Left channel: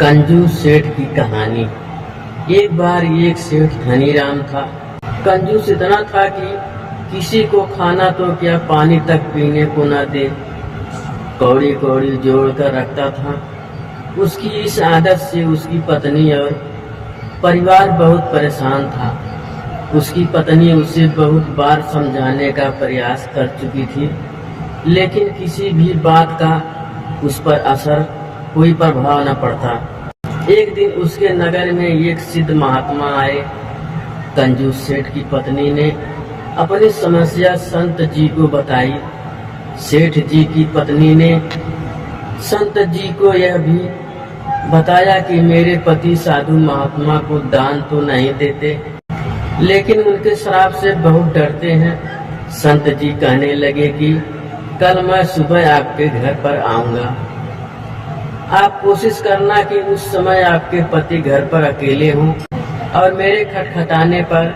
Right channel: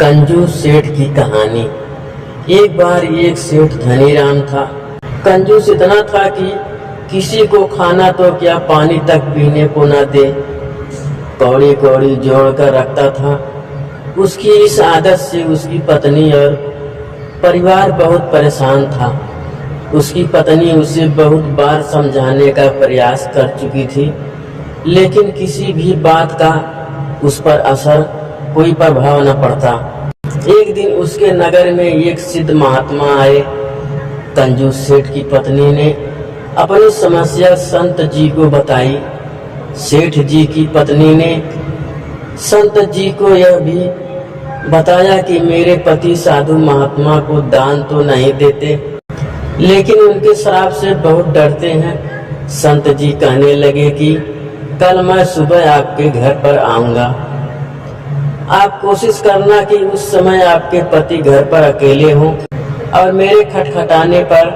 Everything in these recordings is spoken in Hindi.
कंजूस सेठ की कहानी। एक बार एक सेठ धनीराम था। कंजूस इतना था कि किसी को खाना तो क्या पानी तक पीने को न दे, कौड़ी कौड़ी जोड़ कर रखता था। उसकी इस आदत से उसकी पत्नी और परिवार बहुत परेशान था। उसकी पत्नी उसे बहुत बार समझाने का प्रयास कर चुकी थी, लेकिन किसी भी बात का उस पर असर कोई प्रभाव न पड़ता। एक दिन उसके नगर में एक सिद्ध महात्मा आए। कंजूस सेठ की पत्नी ने अपनी समस्या संत जी को बताई। सेठ जी की पत्नी ने संत जी को यह भी बताया कि मेरे पति साधु महात्मा को दान तो नहीं देते, लेकिन उनके श्राप से बहुत डरते हैं। संत जी कहने लगे कि कल मैं सुबह आपके घर पर आऊंगा। आप कोशिश करना कि उस समय आपके पति घर पर अकेले हों और मेरे खटखटाने पर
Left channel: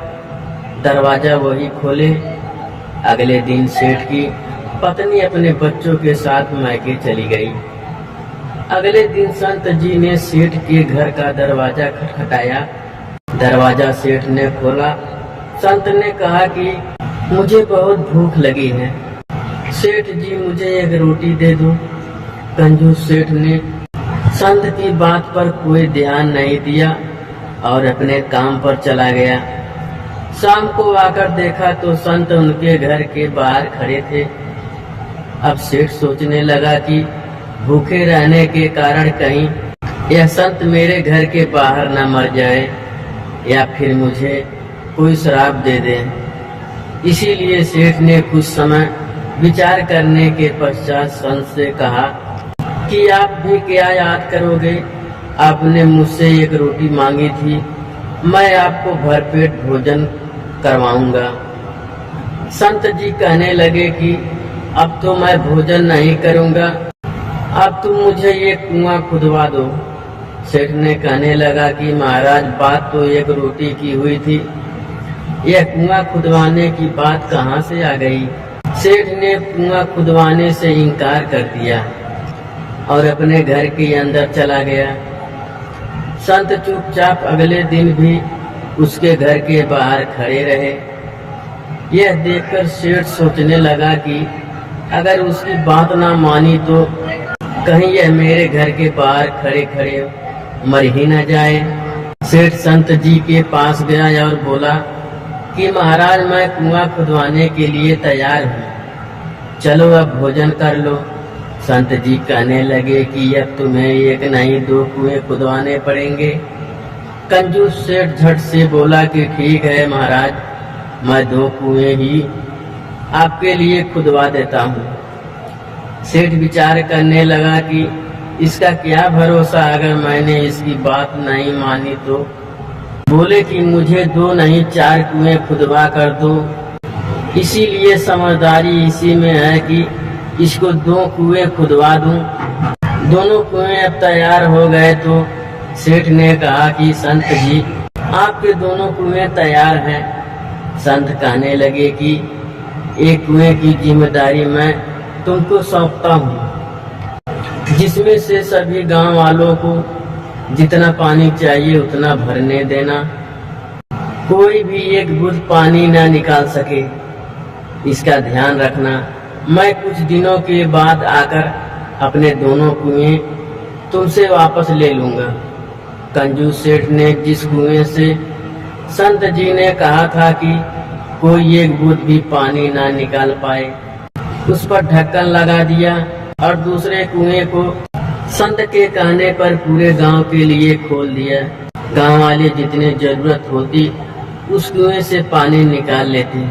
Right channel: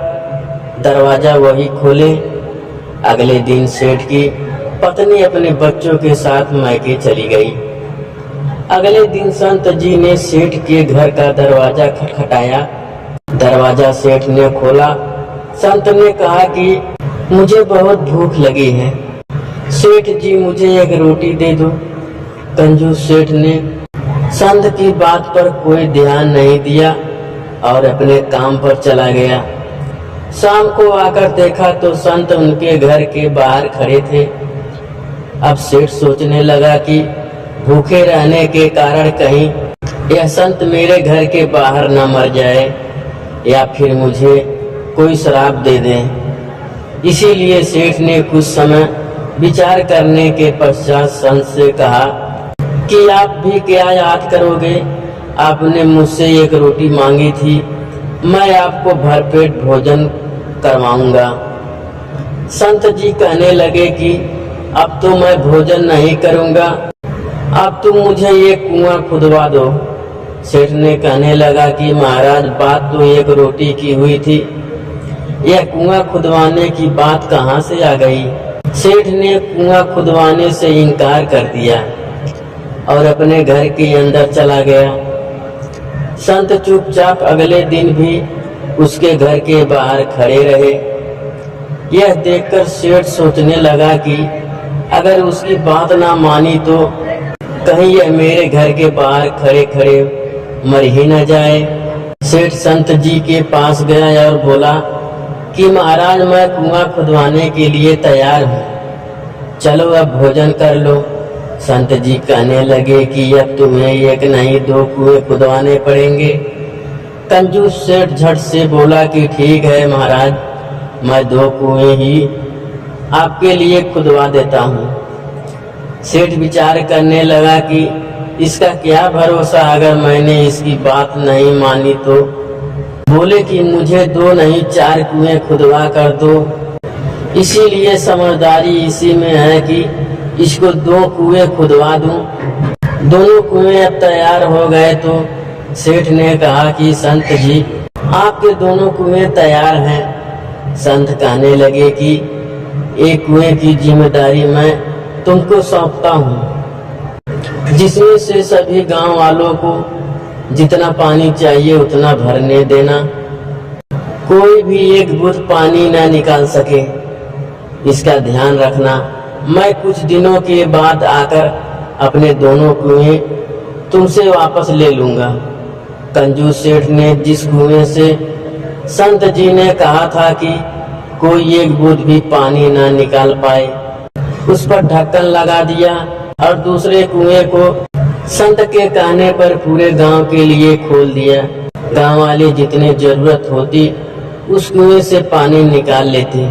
दरवाजा वही खोले। अगले दिन सेठ की पत्नी अपने बच्चों के साथ मायके चली गई। अगले दिन संत जी ने सेठ के घर का दरवाजा खटखटाया। दरवाजा सेठ ने खोला। संत ने कहा कि मुझे बहुत भूख लगी है, सेठ जी मुझे एक रोटी दे दो। कंजूस सेठ ने संत की बात पर कोई ध्यान नहीं दिया और अपने काम पर चला गया। शाम को आकर देखा तो संत उनके घर के बाहर खड़े थे। अब सेठ सोचने लगा कि भूखे रहने के कारण कहीं यह संत मेरे घर के बाहर न मर जाए या फिर मुझे कोई श्राप दे दे। इसीलिए सेठ ने कुछ समय विचार करने के पश्चात संत से कहा कि आप भी क्या याद करोगे, आपने मुझसे एक रोटी मांगी थी, मैं आपको भरपेट भोजन करवाऊंगा। संत जी कहने लगे कि अब तो मैं भोजन नहीं करूंगा, अब तुम मुझे एक कुआं खुदवा दो। सेठ ने कहने लगा कि महाराज बात तो एक रोटी की हुई थी, यह कुआं खुदवाने की बात कहाँ से आ गई। सेठ ने कुआं खुदवाने से इनकार कर दिया और अपने घर के अंदर चला गया। संत चुपचाप अगले दिन भी उसके घर के बाहर खड़े रहे। यह देखकर सेठ सोचने लगा कि अगर उसकी बात ना मानी तो कहीं यह मेरे घर के बाहर खड़े खड़े मर ही न जाए। सेठ संत जी के पास गया और बोला कि महाराज मैं कुआं खुदवाने के लिए तैयार हूँ, चलो अब भोजन कर लो। संत जी कहने लगे कि अब तुम्हें एक नहीं दो कुएं खुदवाने पड़ेंगे। कंजूस सेठ झट से बोला कि ठीक है महाराज, मैं 2 कुएं ही आपके लिए खुदवा देता हूँ। सेठ विचार करने लगा कि इसका क्या भरोसा, अगर मैंने इसकी बात नहीं मानी तो। बोले कि मुझे 2 नहीं 4 कुएं खुदवा कर दो। इसीलिए समझदारी इसी में है कि इसको 2 कुएं खुदवा दूं। दोनों कुएं अब तैयार हो गए तो सेठ ने कहा कि संत जी आपके दोनों कुएं तैयार हैं। संत कहने लगे कि एक कुएं की जिम्मेदारी मैं तुमको सौंपता हूँ, जिसमें से सभी गांव वालों को जितना पानी चाहिए उतना भरने देना, कोई भी एक बूंद पानी न निकाल सके, इसका ध्यान रखना। मैं कुछ दिनों के बाद आकर अपने दोनों कुएं तुमसे वापस ले लूंगा। कंजूस सेठ ने जिस कुएं से संत जी ने कहा था कि कोई एक बूंद भी पानी ना निकाल पाए, उस पर ढक्कन लगा दिया और दूसरे कुएं को संत के कहने पर पूरे गांव के लिए खोल दिया। गांव वाले जितने जरूरत होती उस कुएं से पानी निकाल लेते।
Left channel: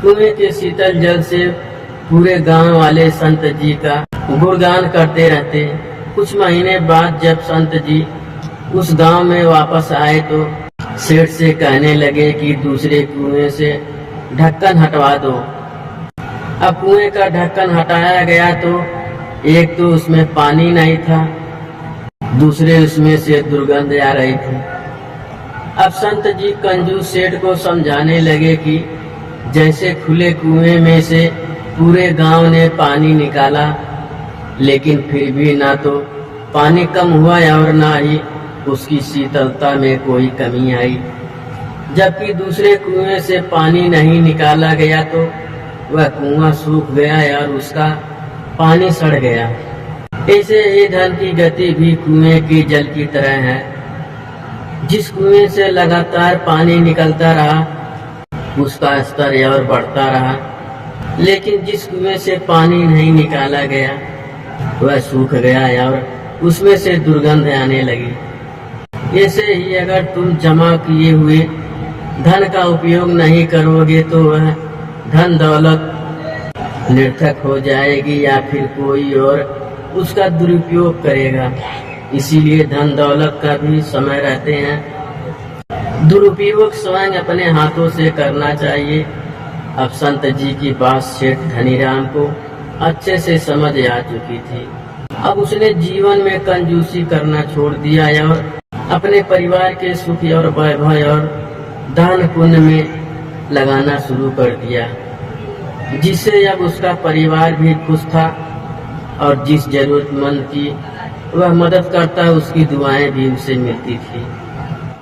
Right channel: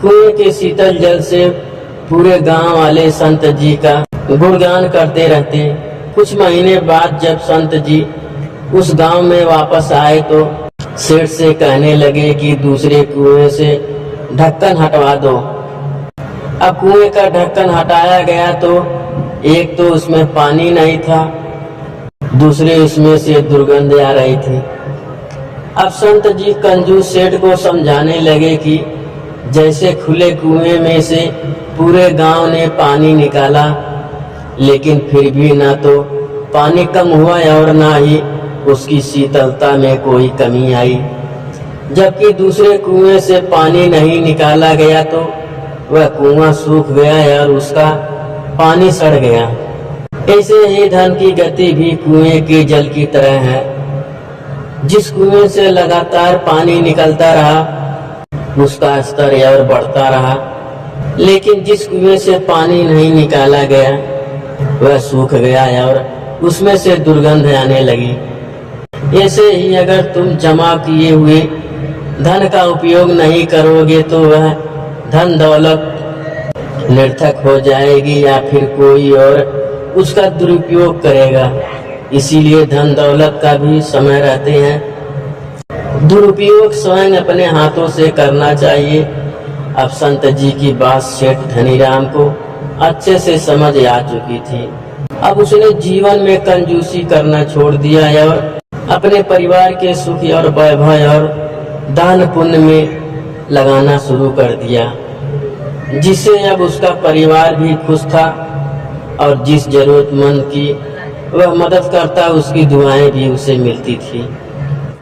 कुएं के शीतल जल से पूरे गांव वाले संत जी का गुणगान करते रहते। कुछ महीने बाद जब संत जी उस गांव में वापस आए तो सेठ से कहने लगे कि दूसरे कुएं से ढक्कन हटवा दो। अब कुएं का ढक्कन हटाया गया तो एक तो उसमें पानी नहीं था, दूसरे उसमें से दुर्गंध आ रही थी। अब संत जी कंजूस सेठ को समझाने लगे कि जैसे खुले कुएं में से पूरे गांव ने पानी निकाला, लेकिन फिर भी ना तो पानी कम हुआ और ना ही उसकी शीतलता में कोई कमी आई। जबकि दूसरे कुएं से पानी नहीं निकाला गया तो वह कुआं सूख गया और उसका पानी सड़ गया। ऐसे ही धन की गति भी कुएं के जल की तरह है। जिस कुएं से लगातार पानी निकलता रहा उसका स्तर और बढ़ता रहा, लेकिन जिस कुएं से पानी नहीं निकाला गया वह सूख गया और उसमें से दुर्गंध आने लगी। ऐसे ही अगर तुम जमा किए हुए धन का उपयोग नहीं करोगे तो वह धन दौलत निरर्थक हो जाएगी या फिर कोई और उसका दुरुपयोग करेगा। इसीलिए धन दौलत का भी समय रहते हैं। दुरुपयोग स्वयं अपने हाथों से करना चाहिए। अब संत जी की बात सेठ धनीराम को अच्छे से समझ आ चुकी थी। अब उसने जीवन में कंजूसी करना छोड़ दिया और अपने परिवार के सुख और वैभव और दान पुण्य में लगाना शुरू कर दिया, जिससे अब उसका परिवार भी खुश था और जिस जरूरतमंद की वह मदद करता उसकी दुआएं भी उसे मिलती थी।